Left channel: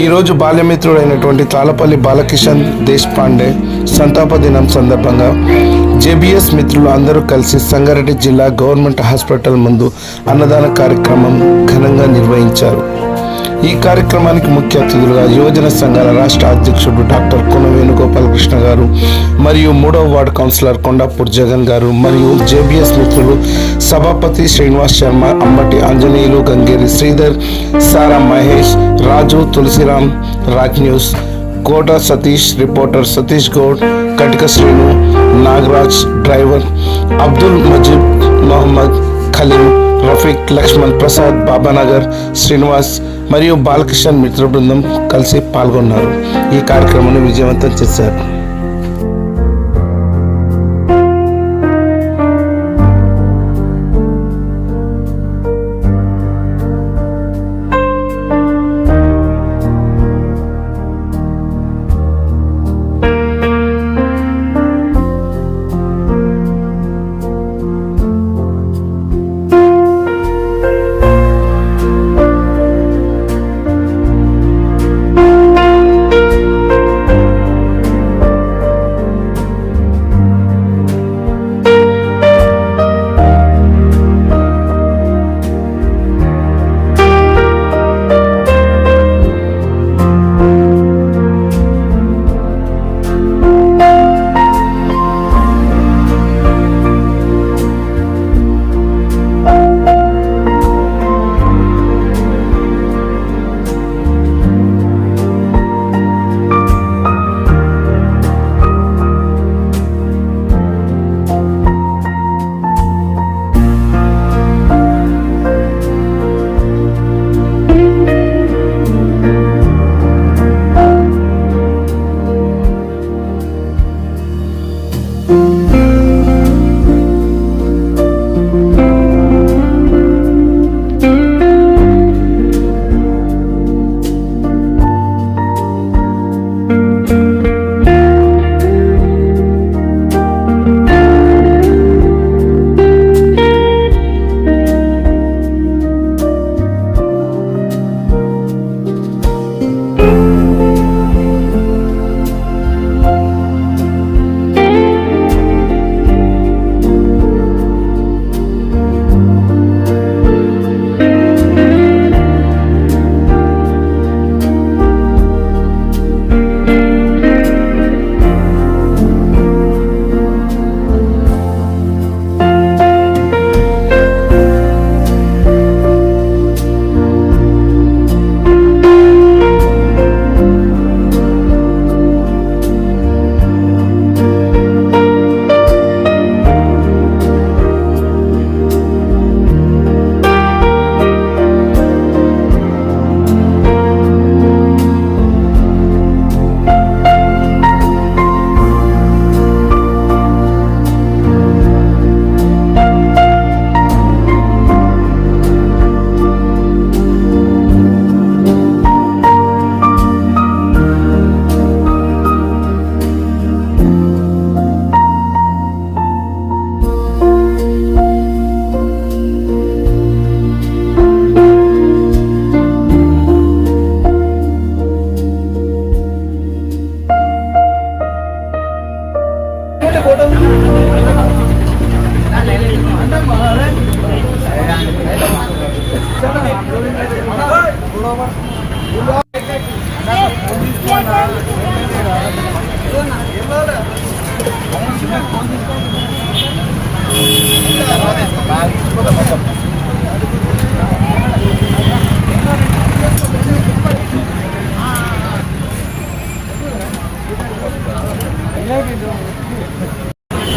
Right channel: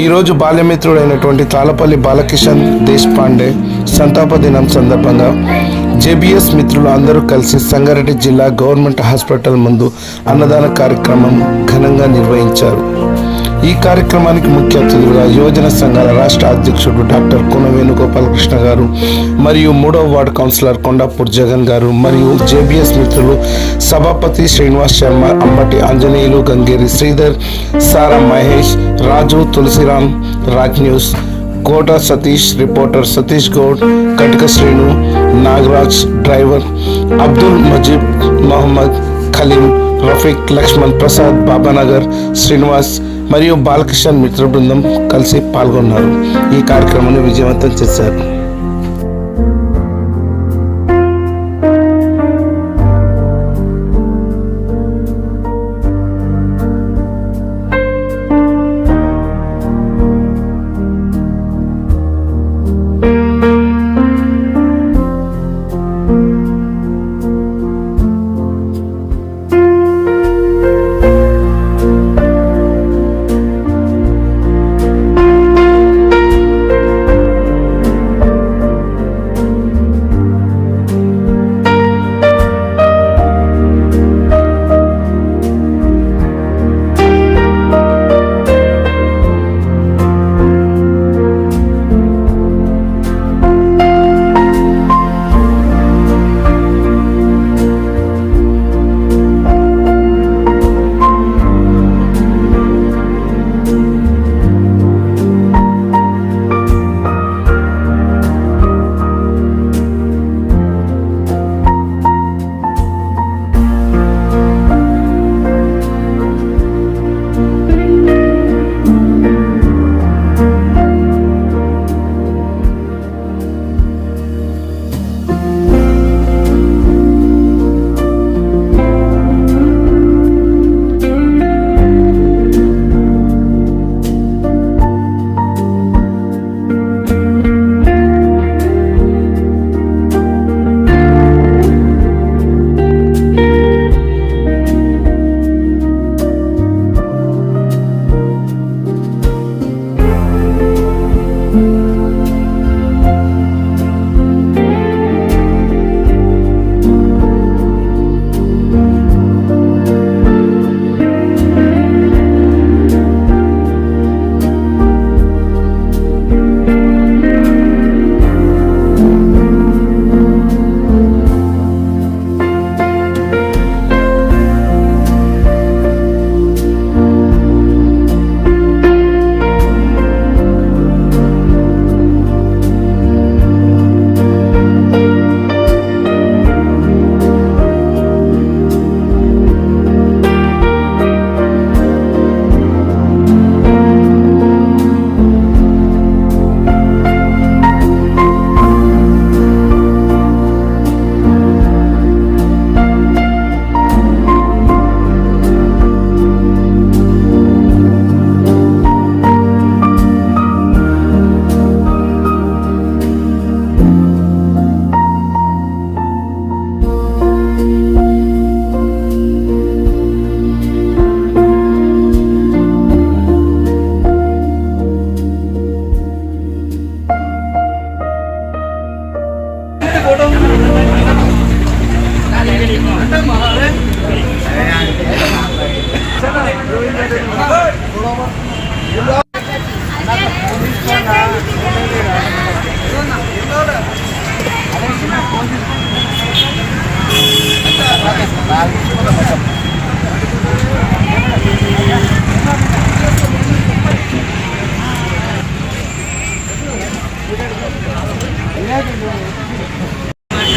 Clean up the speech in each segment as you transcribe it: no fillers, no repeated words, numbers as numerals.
ఈరోజు బాల్యమిత్రుడైనటువంటి తాళపల్లి బాలకిషన్ దేశపాండే సంతాప దినం సందర్భంగా జేబీఎస్ మిత్రులు అందరూ కలిసి సంగారెడ్డి జిల్లా గవర్నమెంట్ హాస్పిటల్ ముందు అన్నదాన కార్యక్రమం ఘనంగా నిర్వహించారు. ఈ కార్యక్రమానికి ముఖ్య అతిథులుగా యువజన సంఘాల రాష్ట్ర అధ్యక్షుడు డాక్టర్ కోన వేణుగోపాలకృష్ణ గారు మరియు 3వ వార్డు కౌన్సిలర్ కొండాపూర్ జగన్ గారు మరియు జేబీఎస్ మిత్రులు సభాపతి శ్రీనివాస్ శర్మ, అంబటి ఆంజనేయులు, గంగేరి శ్రీధర్, సారా మహేష్, రాజు, తులసిరామ్, రాజ్ న్యూస్, కోట సతీష్, రిపోర్టర్ సతీష్ గౌడ్, కటిక శ్రీను, నాగరాజ్, డ్రైవర్ అబ్దుల్ మజీద్, మొహమ్మద్ ఖలీం, రఫీక్, లక్ష్మణ్ ప్రసాద్, బాబానగర్, శ్రీనివాస్ మరియు బాలకిషన్ మిత్ర బృందం కలిసి పాల్గొన్నారు. ఈ కార్యక్రమాన్ని విజయవంతం చేశారు.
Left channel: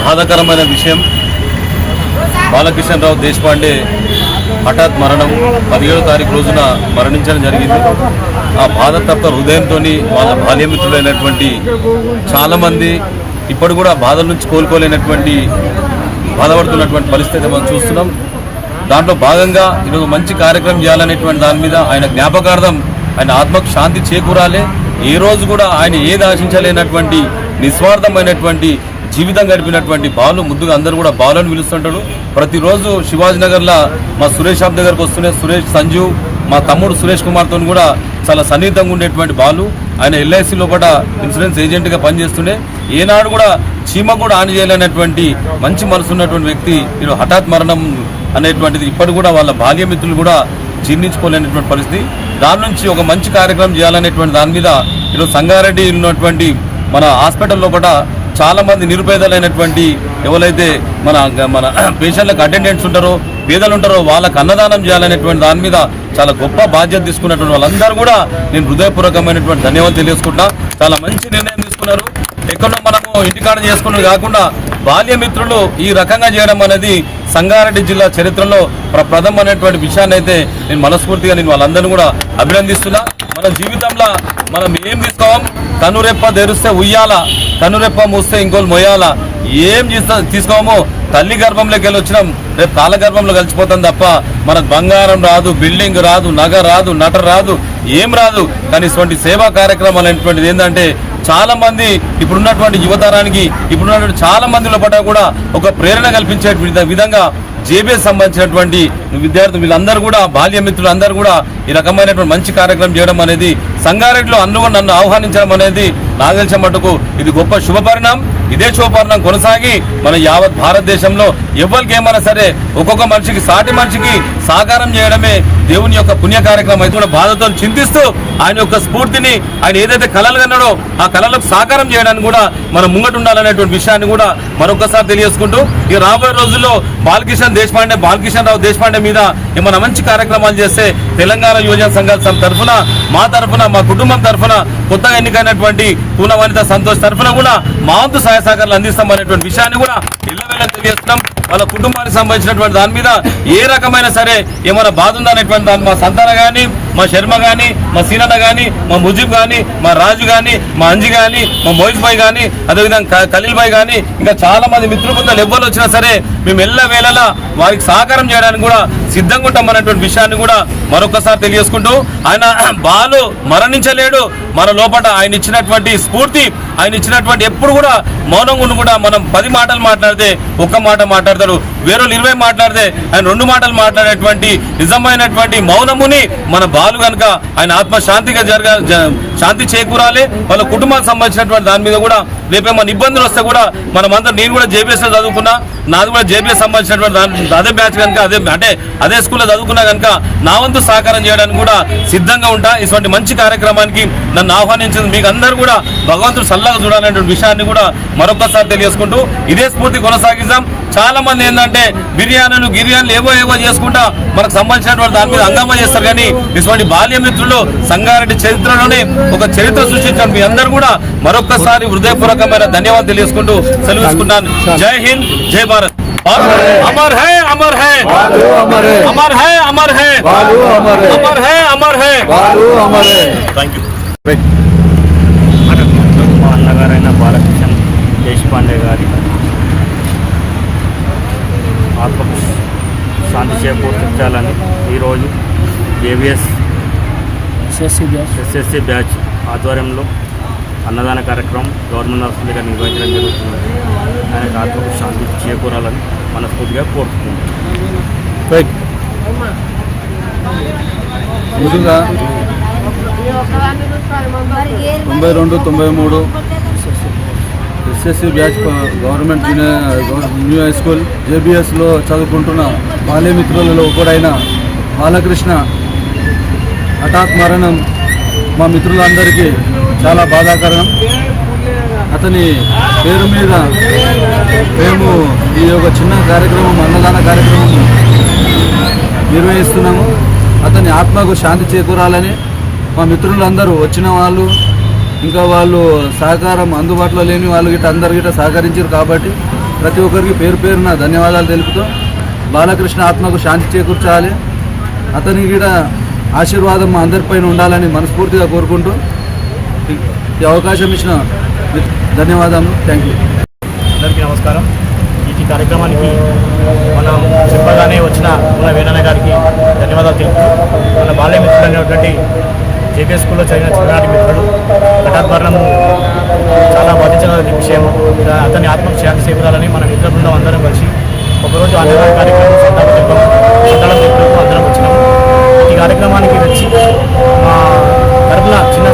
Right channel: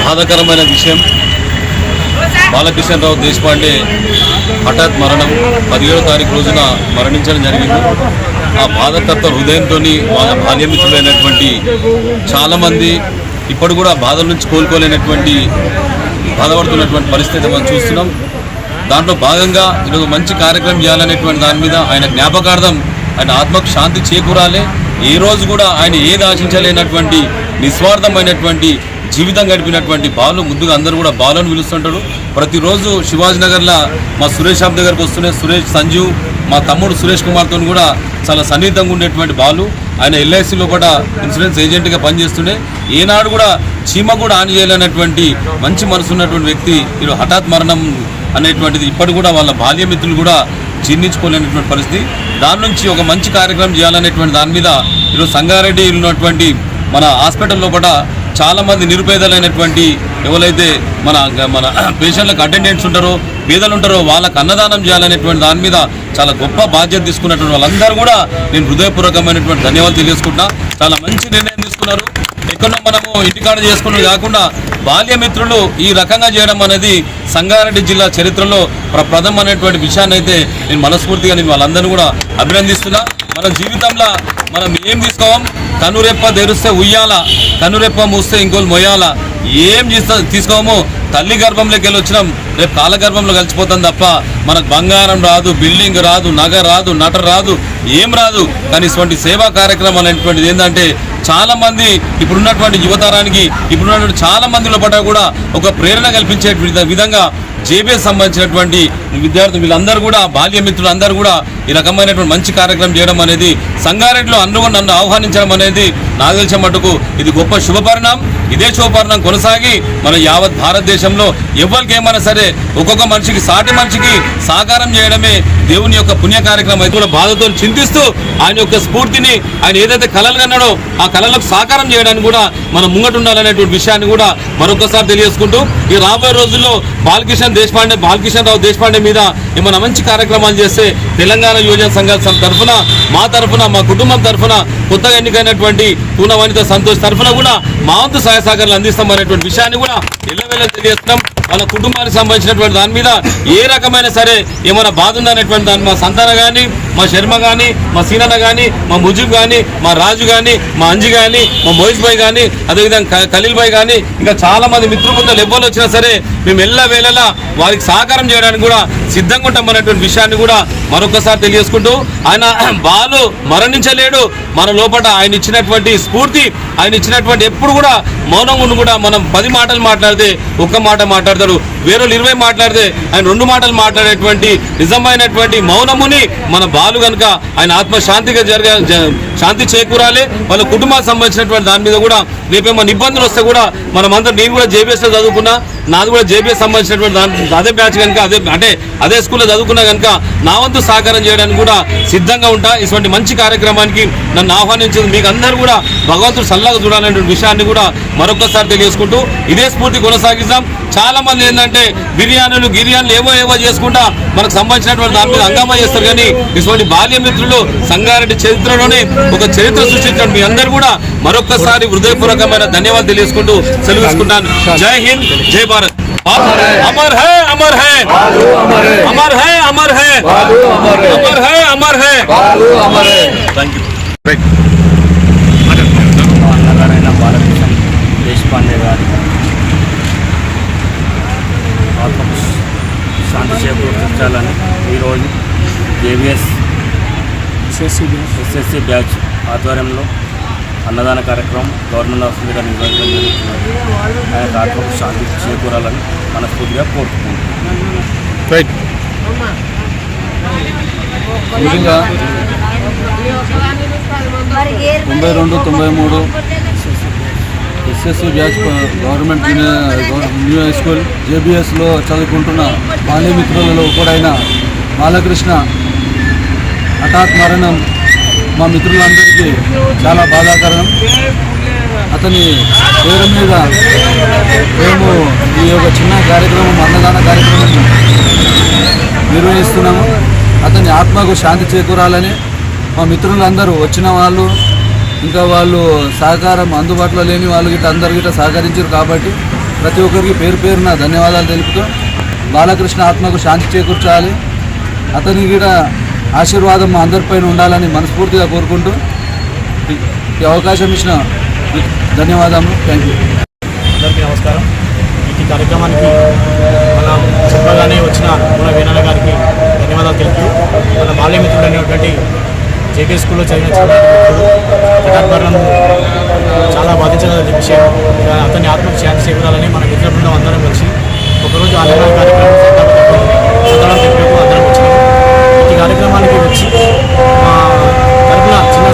బాధాకరమైన విషయం, బాలకిషన్రావు దేశపాండే హఠాత్ మరణం 17వ తారీఖు రోజున మరణించడం జరిగింది. ఆ బాధతత్వ హృదయంతో వాళ్ళ బాల్యమిత్రులైనటువంటి చాలామంది ఇప్పుడు కూడా బాధల నుంచి కోలుకోలేనటువంటి బాధపడుతున్నటువంటి పరిస్థితి మనం చూస్తున్నాం. దాంట్లో భాగంగా ఈరోజు మంచి కార్యక్రమం చేయాలనేటువంటి దాని మీద ఆయన జ్ఞాపకార్థం ఆయన ఆత్మకు శాంతి చేకూరాలి. ఏ రోజు కూడా ఆయన ఏది ఆశించలేనటువంటి నిస్వార్థమైనటువంటి జీవితం గడిపినటువంటి బాలు, ముందుగా అందరూ కూడా బాలు అని పిలుస్తుంటారు. ప్రతిరోజు శివాజీ నగర్లో మా సురేష్ షాప్ దగ్గరకు వస్తున్న సురేష్, సంజు, మా తమ్ముడు సురేష్ కుమార్తో కూడా చాలా సన్నిహితంగా ఉండేటువంటి బాలు. ఆయన ఎల్ఐసిలో కూడా ఇన్సూరెన్స్ ఏజెంట్గా పనిచేస్తుండే. ఏనాడు కూడా చీమ కూడా ఆన్ చేయలేనటువంటి మంచి మనసు ఉన్నటువంటి వ్యక్తి ఈరోజు హఠాత్ మరణం అనేటువంటిది ఇప్పటి కూడా వాళ్ళ బాల్యమిత్రులు కూడా జీర్ణించుకోలేనటువంటి పరిస్థితి. దాని నుంచి ఒక మంచి కార్యక్రమం చేయాలనేటువంటి దాని మీద ఈరోజు సంగారెడ్డి ఉన్నటువంటి మన హాస్పిటల్లో కూడా చాలామంది నిరుపేదలైనటువంటి ఎవరైతే మన మన పేషెంట్లకు అటెండెంట్స్ ఉంటారో, పేదలు ఉంటారో వాళ్ళకు అన్నదానం చేయాలనేటువంటి దాని మీద చాలా గొప్ప బాధ్యత తీసుకున్నటువంటి వాళ్ళందరూ కూడా నేను హృదయపూర్వకమైనటువంటి ధన్యవాదాలు తెలియజేసుకుంటా. చాలా మంచి నిర్ణయం తీసుకున్నారు. ఎక్కడో మనము ఇంటికాడ చేసుకున్నది కాకుండా బాల్యమిత్రులు ఈ రకంగా చేయడం అనేది సంగారెడ్డి జిల్లా చరిత్రలో ప్రథమమైనటువంటి విషయాన్ని అయితే నేను మనస్ఫూర్తిగా నేను వాళ్ళందరినీ కూడా అభినందిస్తున్నా. మన జీవితంలో మనం ఏం తీసుకోవం, కనురెప్ప తెరిస్తే ఉయ్యాల, కనురెప్ప మూస్తే ఇంకోలు మొయ్యాల. ఏం తీసుకోమో తల్లి గర్భంలోకి వెళ్ళి వచ్చినాం, రేపు కాలగర్భంలో కలిసిపోతాం తప్ప మనకు బంగారం రాదు, బిల్డింగ్ రాదు, నగ రాదు, నట రాదు, ఏం రాదు. కానీ ఇటువంటి సేవా కార్యక్రమాలు అనేటువంటిది ఏంటంటే చాలా మంది ఇప్పుడున్నటువంటి యువతరానికి ఇప్పుడున్నటువంటి చాలా మందిలో పట్ల కూడా ఒక ప్రేరణ కల్పించే విధంగా జేబీఎస్ సంబంధించినటువంటి విద్యార్థులు వీళ్ళందరూ కూడా బాల్యమిత్రులు అందరూ కూడా ఈ రకమైనటువంటి మంచి కార్యక్రమం చేయడం అనేది సంగారెడ్డిలో అందరూ నన్ను ఆహ్వానించడం అనేది నాకు తెలిసిన మటుకు ఇది గొప్ప శుభపరిణామం. ఇదే శుభపరిణామం కొనసాగి మన యావత్ భారతదేశంలో ఎవరికి ఏమైనా సరే ఒక్కొక్క మనిషికి సాటి మనిషికి సాకారం చేయడమే దేవుని యొక్క పుణ్య కార్యక్రమం. అయితే కూడా బాధతో చింతిస్తూ ఆయన యొక్క స్ఫూర్తిని ఆయన ఏదైతే కళలు కన్నాడో ఆ కళలకు సాకారం చేయడానికి కూడా మనం ముంగటు ఉండాలనేటువంటి విషయాన్ని కూడా మరొకసారి తెలియజేసుకుంటూ ఈ రాబోయే రోజుల్లో బాలకిషన్ రావు దేశపాండే మీద ఏమైనా మంచి కార్యక్రమాలు చేస్తే తెలంగాణ యువజన సంఘాల తరఫున మా తరఫున మా కుటుంబం తరఫున కొత్తగా ఎన్నికైనటువంటి పూన వనిత సంతోష్ తరఫున కూడా మా వంతు సహాయ సహకారాలు అందిస్తామనేటువంటి విషయాన్ని కూడా ఎల్లవేళ తెలియజేస్తున్నాం. వాళ్ళ కుటుంబానికి సంబంధించినటువంటి దాని మీద ఏ రకమైన సరే ఏమైనా బాధ ఉందనేటువంటి దాన్ని మా సంతాన కానీ, మా శర్మ కానీ, మా సీనన్న కానీ, మా ముజీబ్ కానీ, మా రాజు కానీ, మా అంజి కానీ, మా మోహిత్ భాయ్ కానీ, అదేవిధంగా ఖలీల్ భాయ్ కానీ ఇంకా చాలా మంది మిత్రబృందాలు ఎవ్వరు వచ్చినా సరే మేము ఎల్లవేళలా వారికి సహకారం చేయడానికి కూడా సిద్ధంగా ఉంటామనేటువంటి విషయాన్ని కూడా మరొకసారి తెలియజేసుకుంటూ ఆయన బాలు మరణించలేడు. మన లోపల ఆయన ఇచ్చినటువంటి స్ఫూర్తి, ఆయన ఇచ్చినటువంటి ఎప్పుడు కూడా మౌనంగా ఉండి కూడా మనం 10 మాటలు మాట్లాడితే ఒక్క మాట మాట్లాడతాడు, వేరే 20 మాట్లాడితే ఆయన 2 మాటలు మాట్లాడేటువంటి నిజమైనటువంటి మౌనముని మన బాలు కనుక ఆయన ఆత్మశాంతిగా శాంతి చేకూరాలి. వాళ్ళ కుటుంబానికి సంబంధించినటువంటి దాని మీద కూడా రేపేమన్నా ఇబ్బందులు వస్తే కూడా మనమందరం, నేను కూడా జేబీఎస్లో చదువుకున్నా, నాది కూడా జేబీఎస్ సంబంధించినటువంటి అదే బ్యాచ్ కనుక అదే స్కూల్లో చదువుకున్నా కనుక నా వంతు సహకారం చేయడానికి కూడా సిద్ధంగా ఉంటా. ఇటువంటి మంచి కార్యక్రమానికి నన్ను ఆహ్వానించింది మీకు అందరూ కూడా భగవంతుడు సల్లగా చూడాలనేటువంటి విషయాన్ని కూడా మరొకసారి తెలియజేసుకుంటూ ఇదే స్ఫూర్తి కొనసాగిస్తాం. చాలా మంది ఏంటంటే బిర్యానీలు ఏవో చేసుకుంటా మనకు సంబంధించినటువంటి దాని మీద హంగామా చేస్తారు. కానీ ఇటువంటి బాల్యమిత్రులు సంగారెడ్డి చరిత్రలోనే ఒక చరిత్ర సృష్టించడం మీ అందరూ కూడా మరొకసారి హృదయపూర్వకమైన ధన్యవాదాలు తెలియజేసుకుంటూ సెలవుకుంటాను. జై హింద్, జై భారత్. अमर है अमर है अमर है अमर है अमर है अमर है। Thank you. అన్నగారైన బాలకిషన్ దేశపాండే గారి ఆత్మకు శాంతి చేకూర్చాలని ఈరోజు జేబీఎస్ ఎస్ఎస్సి బ్యాచ్ ఆధ్వర్యంలో అన్నదాన కార్యక్రమం గవర్నమెంట్ హాస్పిటల్ దగ్గర నిర్వహించడం జరుగుతుంది. ఆయన ఆత్మకు శాంతి చేకూరాలని మనస్ఫూర్తిగా కోరుకుంటున్నాం. ముందుగా 92-93 SSC batch government new high school జేబీఎస్లో చదువుకుంటున్న బాల్యమిత్రులలో ఒకడైన బాలకృష్ణ హఠాత్ మరణం మా మిత్రులందరికీ చాలా బాధాకరం. అతని పేరు మీద మేము ఈ యొక్క చిన్న కార్యక్రమం, అన్నదాన కార్యక్రమం నిర్వహిస్తున్నాము. అతని ఆత్మకు శాంతి చేకూరాలని మా మిత్రులందరూ వచ్చిన వాళ్ళు, ఇంకా వాళ్ళు సహకారం అందుబాటులో లేని వాళ్ళు గిట్ట అందరు గిట్ట సహకరించారు. కాబట్టి ప్రతి ఒక్కరికి పేరు పేరున ధన్యవాదాలు తెలుపుతూ బాలకృష్ణ ఆత్మకు శాంతి చేకూర్చాలి, అతని గిట్ట ఆశీర్వాదం మా అందరిపైన ఉండాలని మనస్ఫూర్తిగా కోరుకుంటూ ఈ అవకాశం ఇచ్చిన ధన్యవాదాలు. Thank you. అందరికీ నమస్కారం. ఈ కార్యక్రమానికి మనం చెప్పగానే వచ్చిన మన వేణన్న గారికి ధన్యవాదాలు తెలుపుతూ, మన బాల్యమిత్రుడు అనేటువంటి జేబీఎస్ స్కూల్లో చదివిన చిన్ననాటి మిత్రుడు హఠాత్ మరణం చాలా బాధించిన విషయం. అతని ఆత్మకు శాంతి చేకూరాలని మన మిత్ర బృందం అందరం కలిసి ఒకరోజు అన్నదాన కార్యక్రమం సంతానం తెలుపుతూ అందరం వచ్చినాము. ఈ కార్యక్రమానికి వచ్చి మా తరపున చిన్న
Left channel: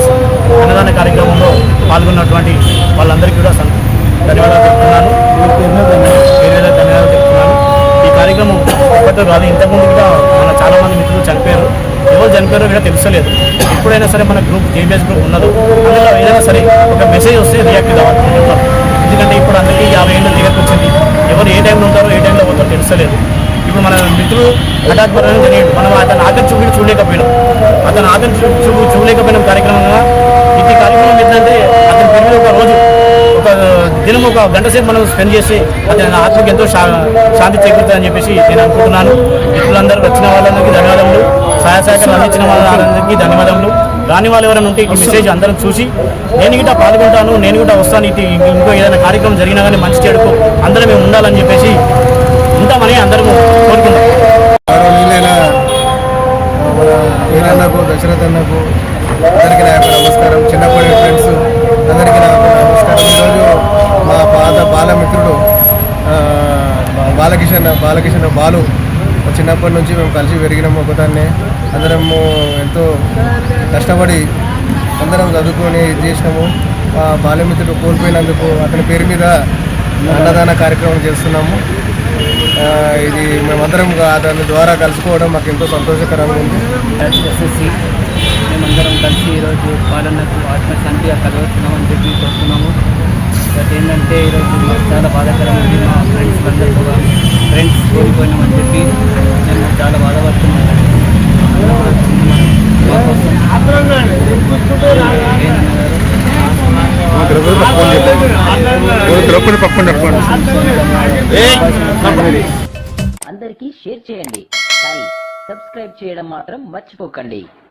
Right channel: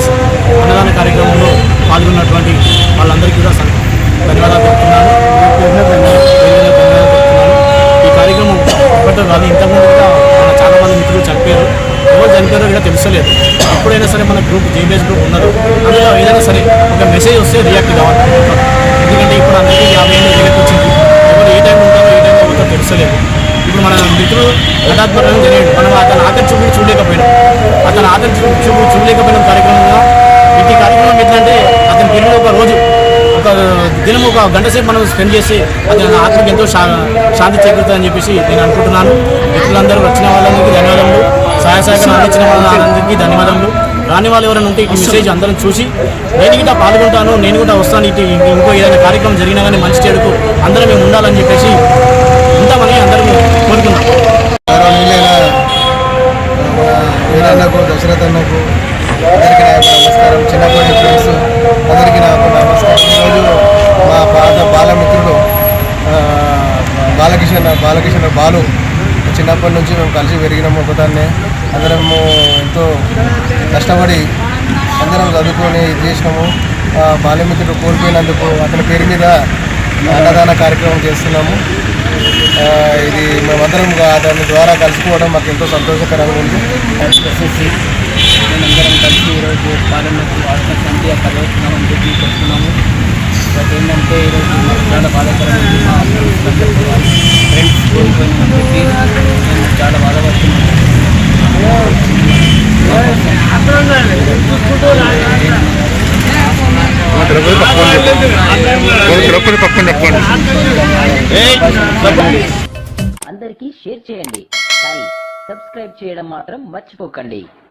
అన్నదాన కార్యక్రమంలో పాల్గొన్నటువంటి వాళ్ళందరికీ కూడా ధన్యవాదాలు చెప్తున్నాను. ధన్యవాదాలు చెప్తున్నాను. ఈ కార్యక్రమం ఇప్పటితో కాదు, ఇంతకుముందు కూడా మన చాలామంది మిత్రులు చనిపోయారు. ఎవరు చనిపోయారో కూడా తెలుసలేదు. ఎప్పుడైనా సరే మన గ్రూప్ జేబీఎస్ గ్రూప్ ఉన్నదో అందులో ఏదైనా సరే ఒక మెసేజ్ వస్తే రియాక్ట్ కావాలి. ఎందుకంటే ఇప్పుడు అందరికీ 50 ఏళ్ళు రియాక్ట్ వచ్చింది. ఎవరు ఏ టైంలో ఉంటారో ఏ టైంలో పోతారో తెలుసలేదు. ఇప్పుడు మన మిత్రులు హఠాత్ మరణం జరిగింది. మనం అతను ఆఖరి చూపులు చూడలేకపోయినాం. అతను ఆఖరి చూపులు చూడలేకపోయిన కార్యక్రమంగా ఈ కార్యక్రమం ఏంటంటే అతని పెళ్లిలో ఒక రోజు ఒక దినం ఒక గంట సేపు మనం స్పెండ్ చేసి అతని ఆత్మకి ఎంతో శాంతి చేకూరుతుందని చెప్పేసి నేను అనుకుంటున్నాను. మిత్రులందరూ వచ్చిన వాళ్ళందరికీ ధన్యవాదములు, సహాయ సహకారం అందించిన వాళ్ళందరికీ ధన్యవాదములు. రాని వాళ్ళు ఎవరైనా ఉంటే ఈ మెసేజ్ అందరం చూసి నేను కూడా పాల్గొంటాను, నేను కూడా వస్తాను, ఇంకో ఏదైనా కార్యక్రమం జరిగినా కానీ మంచి చెడుకు అందరం మేము ఉండాలని చెప్పేసి ఉంటామని అందరం కోరుకుంటాం. మన వీరన్నకు, దశరథ్ అన్నకు అందరికీ నా యొక్క నమస్కారం. చిన్నప్పటి ఫ్రెండ్స్ అందరికీ నా యొక్క నమస్కారం. ఈరోజు మా పాత బాలమిత్రుడు బాలకిషన్ బాలు చిన్నప్పటి నుంచి మేము కలిసి పెరిగినాము. ఒకదాన్నే అందరము ఎంతో కష్టపడి అందరం చదువుకొని ఇది చేసినాము. బాల్యమిత్రుడు కోల్పోయినందుకు అతని పేరు మీద అన్నదాన కార్యక్రమం చేస్తున్నాము. ఇది మేమందరం దాని ద్వారా కలుసుకోవడం మాకు ఎంతో సంతోషకరంగా ఉంది. ఎస్ఎస్సి మేమందరం కలిసి ఈరోజు పాలనకు ఆత్మశాంతి కలవస్తున్నామని చెప్పి కొడుతున్నాము. అది ఏంటంటే ఈరోజు మాకు చాలా బాధాకరమైంది. మా ఫ్రెండ్స్ అందరికీ ఫ్రెండ్స్ కోల్పోయినామని చెప్పి మేము చాలా బాధపడుతున్నాము. అందరికీ షేర్ చేయండి, కానీ సబ్స్క్రైబ్ చేయడం మాత్రం మర్చిపోకండి.